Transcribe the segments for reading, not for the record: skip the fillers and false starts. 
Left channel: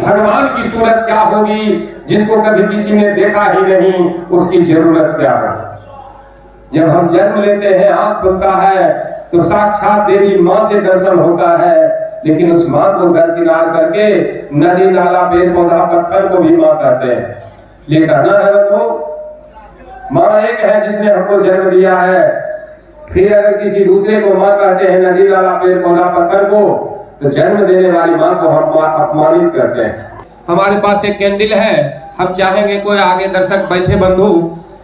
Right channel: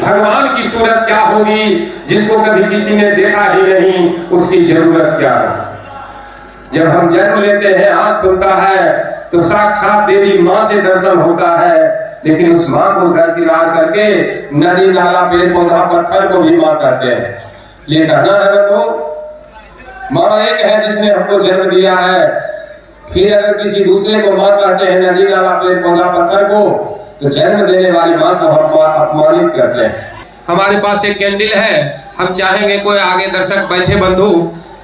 भगवान की सूरत क्या होगी, जिसको कभी किसी ने देखा ही नहीं, उसकी जरूरत क्या है। जब हम जन्म लेते हैं, आंख खुलता है तो साक्षात देवी माँ से दर्शन होता है, लेकिन उस माँ को दरकिनार करके नदी नाला पेड़ पौधा पत्थर को भी माँ कहते हैं। ये कहना है वो माँ एक है जिसने हमको जन्म दिया है, फिर अगर किसी दूसरे को माँ कहते हैं, नदी नाला पेड़ पौधा पत्थर को, तो जन्म देने वाली माँ को हम अपमानित करते हैं। हमारे पास एक कैंडल है, हम चाहेंगे कोई आगे दर्शक बैठे बंधु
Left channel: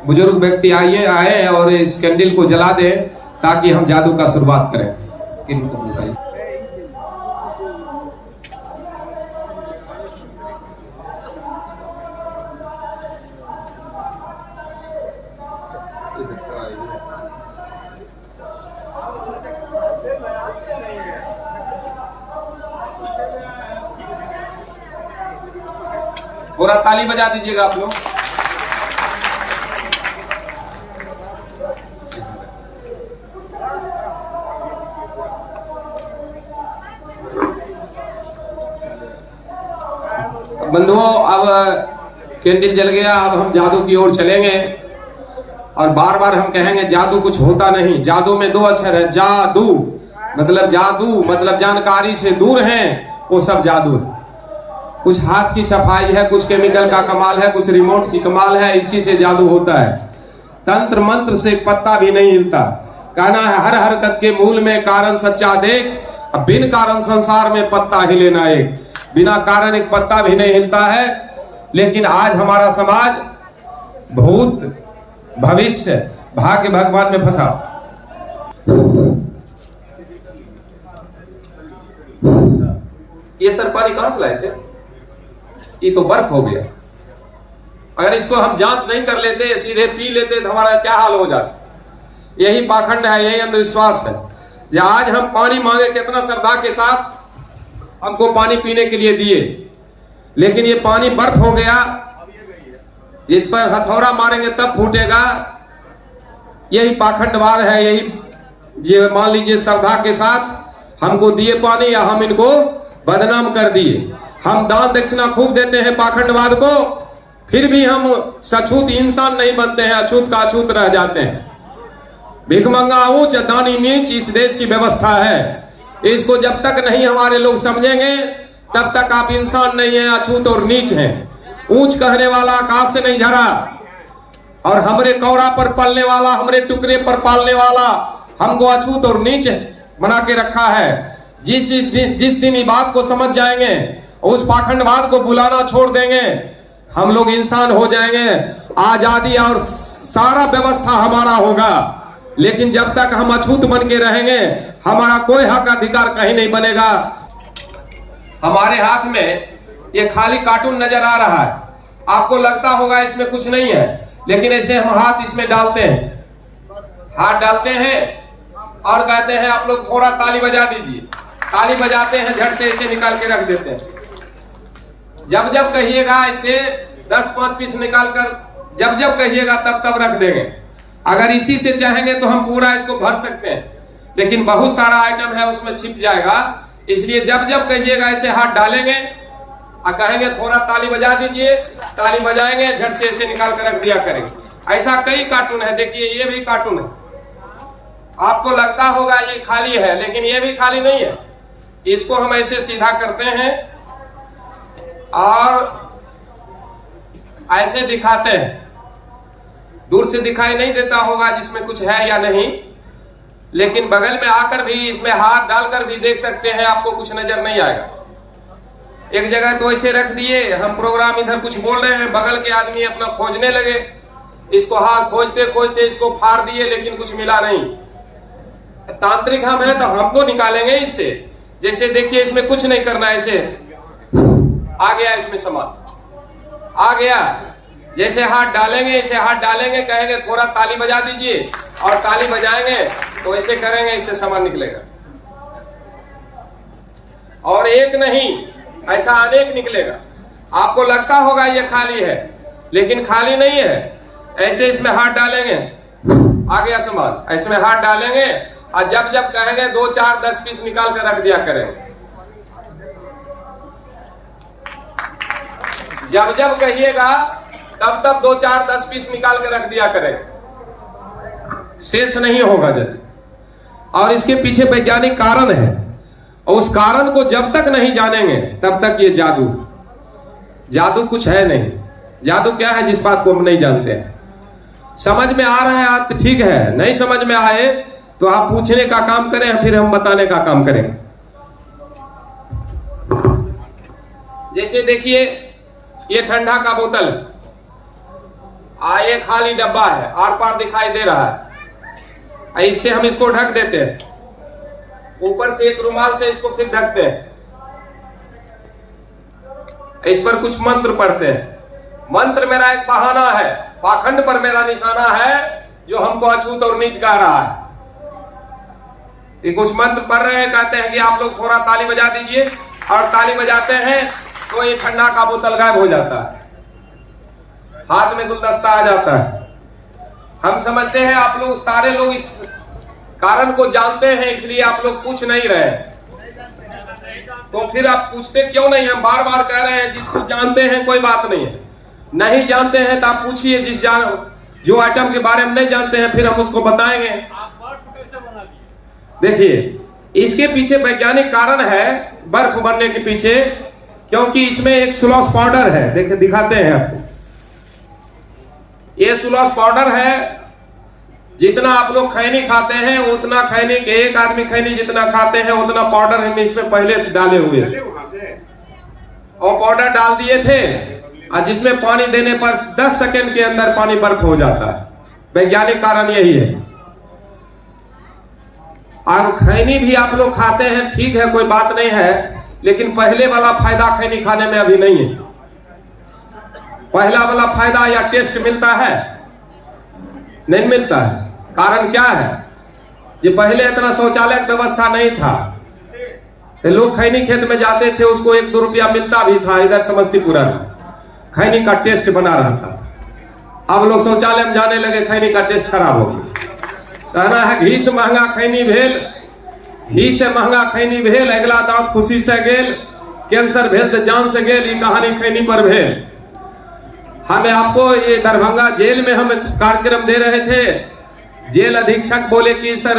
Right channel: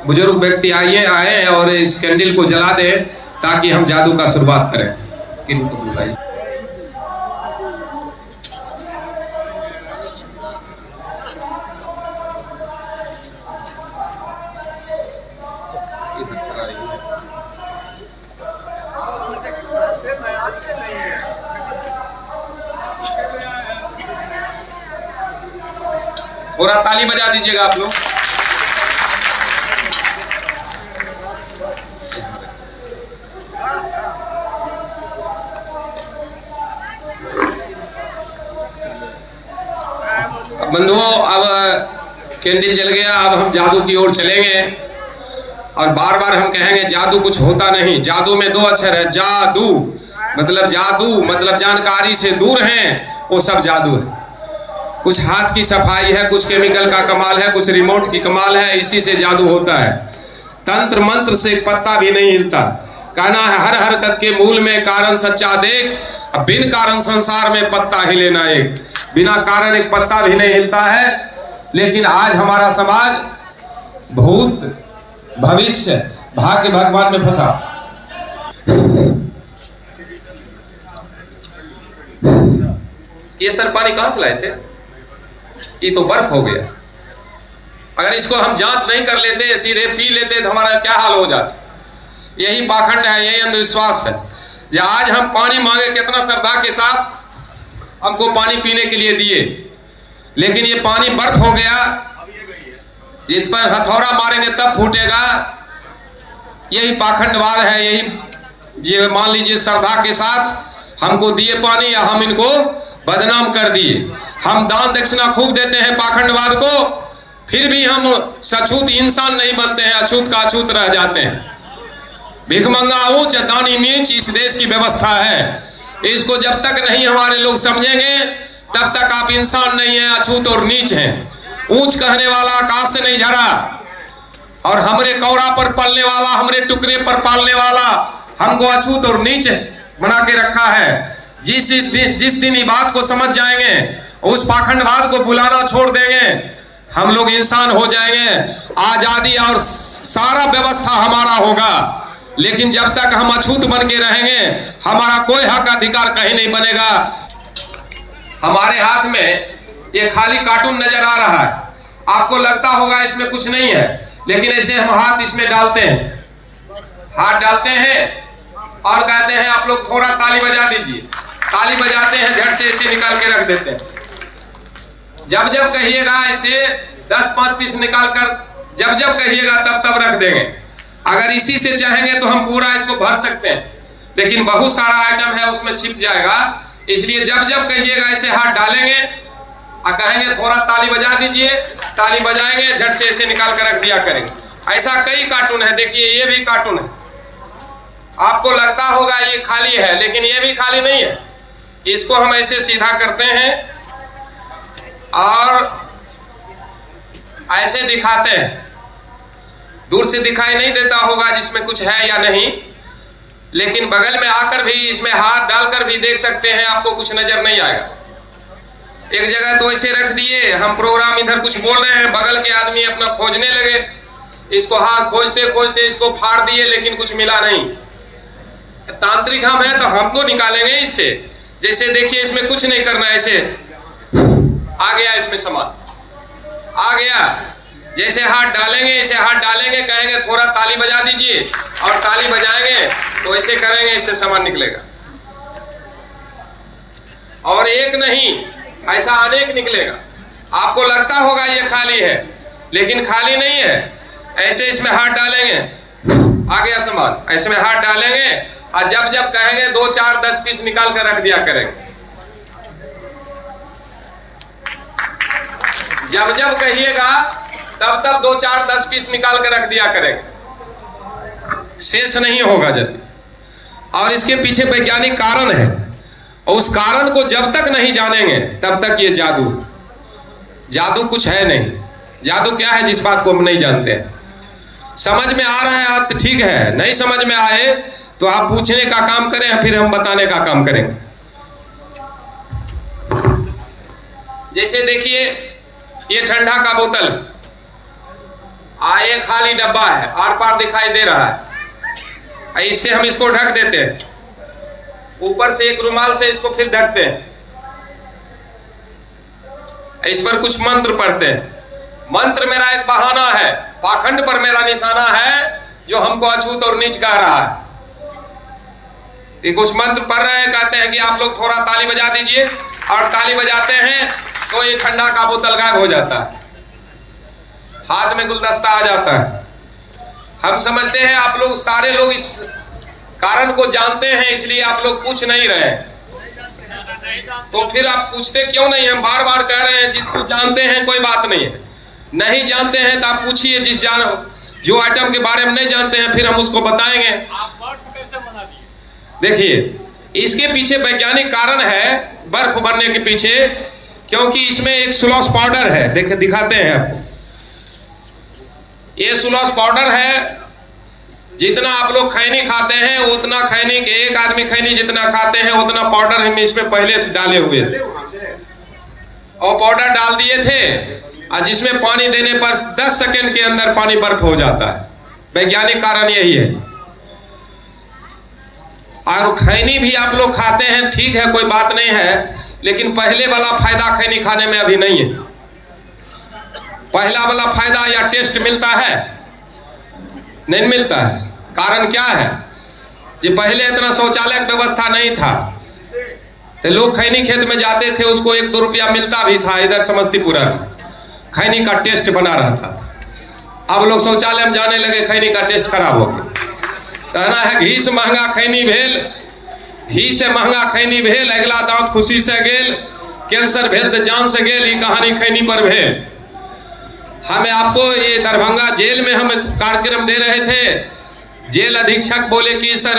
बुजुर्ग व्यक्ति आए और इस कैंडल को जला दे ताकि हम जादू का शुरुआत करें। किनको बुलाइए। थोड़ा ताली बजा दीजिएगा आप लोग। बंधुओं, अब कैंडल जल गया, अब हम जादू की ओर चलेंगे और बार बार हम कहेंगे जादू कुछ होता नहीं। जादू में दो अक्षर है, जादू मतलब जानकारी से दूर हैं, वो सब जादू है। कुछ हाथ की सफाई है, कुछ केमिकल का कमाल है, कुछ रिमोट की कमाल है, इसी से जादू होता है। तंत्र मंत्र से पत्ता भी नहीं हिलता। कहना है हर हरकत के मूल में कारण सच्चा देख, बिन कारण संसार में पत्ता हिले ना एक। बिना कारण एक पत्ता भी नहीं हिलता है। लेकिन आज हमारा समाज भूत भविष्य भाग्य भगवान में फंसा। ये सर पानी कहां से लाए थे? ये तो बर्फ हो गया। अगर इसको हम जांच नहीं कर लेते, सीधे पी लेते तो हमारा क्या हाल हो जाता। यही पाखंड है, यही अंधविश्वास है। जो आज हम पानी मांगे, कितना श्रद्धा के साथ हमको पानी पीने के लिए दिए, लेकिन ये पानी बर्फ हो गया। जिस पर हथौड़ा मारेंगे तब फूटेगा। यही पाखंडवाद है। यही मान लीजिए श्रद्धा के साथ हमको दिए पानी, या हम इनको बदनाम कर दिए। हम दान दक्षिणा खूब देते हैं पाखंडवाद को, फिर भी हम सछूत इंसान नहीं बनते हैं, अछूत का अछूत रह जाते हैं। भिखमंगा ऊंच दानी नीच इस देश की व्यवस्था है। इसको जब तक नहीं हमारे लोग समझेंगे, तब तक आप इंसान नहीं है, अछूत और नीच हैं। ऊंच कहने वाला आकाश से नहीं झरा, और हमरे कौड़ा पर पलने वाला, हमरे टुकड़े पर पालने वाला हमको अछूत और नीच बना के रखा है। जिस दिन ये बात को समझ जाएंगे, उस पाखंडवाद को बुलाना छोड़ देंगे, हम लोग इंसान हो जाएंगे। आजादी और सारा व्यवस्था हमारा होगा। लेकिन जब तक हम अछूत बन के रहेंगे, हमारा कोई हक अधिकार कहीं नहीं बनेगा। हमारे हाथ में ये खाली कार्टून नजर आ रहा है। आपको लगता होगा इसमें कुछ नहीं है, लेकिन ऐसे हम हाथ इसमें डालते हैं, हाथ डालते हैं और कहते हैं आप लोग थोड़ा ताली बजा दीजिए। ताली बजाते हैं, झट से ऐसे निकाल के रख देते हैं। जब जब कहिएगा ऐसे 10-5 पीस निकाल कर जब जब कहिएगा तब रख देंगे। अगर इसी से चाहेंगे तो हम पूरा इसको भर सकते हैं, लेकिन बहुत सारा आइटम है उसमें छिप जाएगा। इसलिए जब जब कहिएगा ऐसे हाथ डालेंगे और कहेंगे थोड़ा ताली बजा दीजिए, ताली बजाएंगे, झट से ऐसे निकाल कर रख दिया करेंगे। ऐसा कई कार्टून है। देखिए ये भी कार्टून है। आपको लगता होगा ये खाली है, लेकिन ये भी खाली नहीं है। इसको हम ऐसे सीधा करते हैं और ऐसे दिखाते हैं। दूर से दिखाई नहीं देता होगा जिसमें कुछ है या नहीं, लेकिन बगल में आकर भी इसमें हाथ डालकर भी देख सकते हैं, आपको कुछ नजर नहीं आएगा। एक जगह तो ऐसे रख दिए, हम प्रोग्राम इधर कुछ बोल रहे हैं, बगल के आदमी अपना खोजने लगे। इसको हाथ खोजते खोजते इसको फाड़ दिए, लेकिन कुछ मिला नहीं। तांत्रिक हम हैं तो हमको निकालेंगे इससे। जैसे देखिए इसमें कुछ नहीं करना, ऐसे आ गया, इसमें सामान आ गया। जैसे हाथ डालेंगे, ऐसे हाथ डालेंगे, कहेंगे थोड़ा ताली बजा दीजिए, और ताली बजाएंगे तो ऐसे करेंगे, इससे सामान निकलेगा। और एक नहीं, ऐसा अनेक निकलेगा। आपको लगता होगा ये खाली है, लेकिन खाली नहीं है। ऐसे इसमें हाथ डालेंगे, आ गया सामान। ऐसे में हाथ डालेंगे और जब जब कहेंगे 2, 4, 10 पीस निकाल कर रख दिया करेंगे। जब जब कहिएगा तब तब 2 4 10 पीस निकाल के रख दिया करेगा, शेष नहीं होगा जल्दी। और इसके पीछे वैज्ञानिक कारण है, और उस कारण को जब तक नहीं जानेंगे तब तक ये जादू कुछ है नहीं। जादू क्या है जिस बात को हम नहीं जानते। समझ में आ रहा है आप तो ठीक है, नहीं समझ में आए तो आप पूछने का काम करें, फिर हम बताने का काम करेंगे। जैसे देखिए ये ठंडा का बोतल, एक खाली डब्बा है, आर पार दिखाई दे रहा है, इससे हम इसको ढक देते हैं, ऊपर से एक रुमाल से इसको फिर ढकते हैं, इस पर कुछ मंत्र पढ़ते हैं। मंत्र मेरा एक बहाना है, पाखंड पर मेरा निशाना है जो हमको अछूत और नीच कह रहा है। कुछ मंत्र पढ़ रहे हैं, कहते हैं कि आप लोग थोड़ा ताली बजा दीजिए, और ताली बजाते हैं तो ये ठंडा का बोतल गायब हो जाता है, हाथ में गुलदस्ता आ जाता है। हम समझते हैं आप लोग सारे लोग इस कारण को जानते हैं, इसलिए आप लोग पूछ नहीं रहे, तो फिर आप पूछते क्यों नहीं? हम बार बार कह रहे हैं जिसको जानते हैं कोई बात नहीं है, नहीं जानते हैं तो आप पूछिए। जो आइटम के बारे में नहीं जानते हैं फिर हम उसको बताएंगे। देखिए इसके पीछे वैज्ञानिक कारण है, बर्फ बनने के पीछे, क्योंकि इसमें एक सुलॉस पाउडर है, देख दिखाते हैं आपको। ये सुलॉस पाउडर है, जितना आप लोग खैनी खाते हैं उतना खैनी के, एक आदमी खैनी जितना खाते हैं उतना पाउडर हम इसमें पहले से डाले हुए थे, और पाउडर डाल दिए थे, और जिसमें पानी देने पर 10 सेकंड के अंदर पानी बर्फ हो जाता है। वैज्ञानिक कारण यही है। और खैनी भी आप लोग खाते हैं, ठीक है, कोई बात नहीं है, लेकिन पहले वाला फायदा खैनी खाने में अभी नहीं है। पहला वाला फायदा या टेस्ट मिलता है, नहीं मिलता है। कारण क्या है? कि पहले इतना शौचालय की व्यवस्था नहीं था, तो लोग खैनी खेत में जाते थे, उसको 1-2 रुपया मिलता भी था। इधर समस्तीपुर में खैनी का टेस्ट बना रहता था। अब लोग शौचालय में जाने लगे, खैनी का टेस्ट खराब हो गया। कहना है घी से महंगा खैनी भेल, घी से महंगा खैनी भेल, अगला दांत खुशी से गेल, कैंसर भेल तो जान से गेल, ये कहानी खैनी पर भेल। हमें आपको ये दरभंगा जेल में हम कार्यक्रम दे रहे थे, जेल अधीक्षक बोले कि सर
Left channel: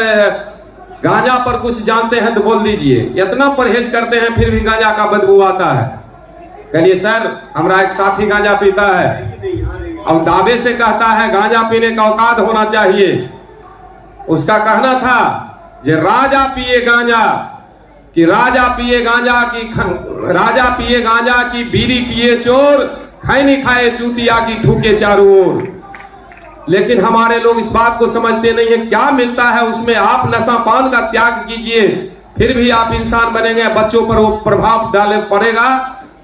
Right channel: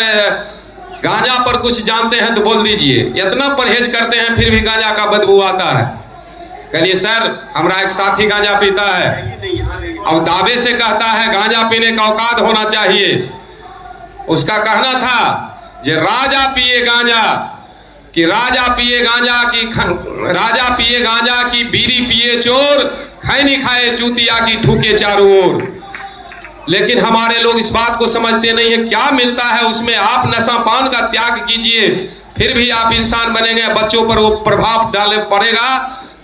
गांजा पर कुछ जानते हैं तो बोल दीजिए। इतना परहेज करते हैं फिर भी गांजा का बदबू आता है। कहिए सर हमारा एक साथी गांजा पीता है और दावे से कहता है गांजा पीने का औकात होना चाहिए। उसका कहना था जे राजा पिए गांजा कि राजा पिए गांजा की राजा पिए गांजा की बीड़ी पिए चोर, खैनी खाए चूतिया की ठूके चारों ओर। लेकिन हमारे लोग इस बात को समझते नहीं है क्या मिलता है उसमें। आप नशा पान का त्याग कीजिए, फिर भी आप इंसान बनेंगे, बच्चों पर वो प्रभाव डाले पड़ेगा,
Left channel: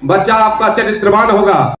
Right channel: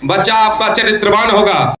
बच्चा आपका चरित्रवान होगा।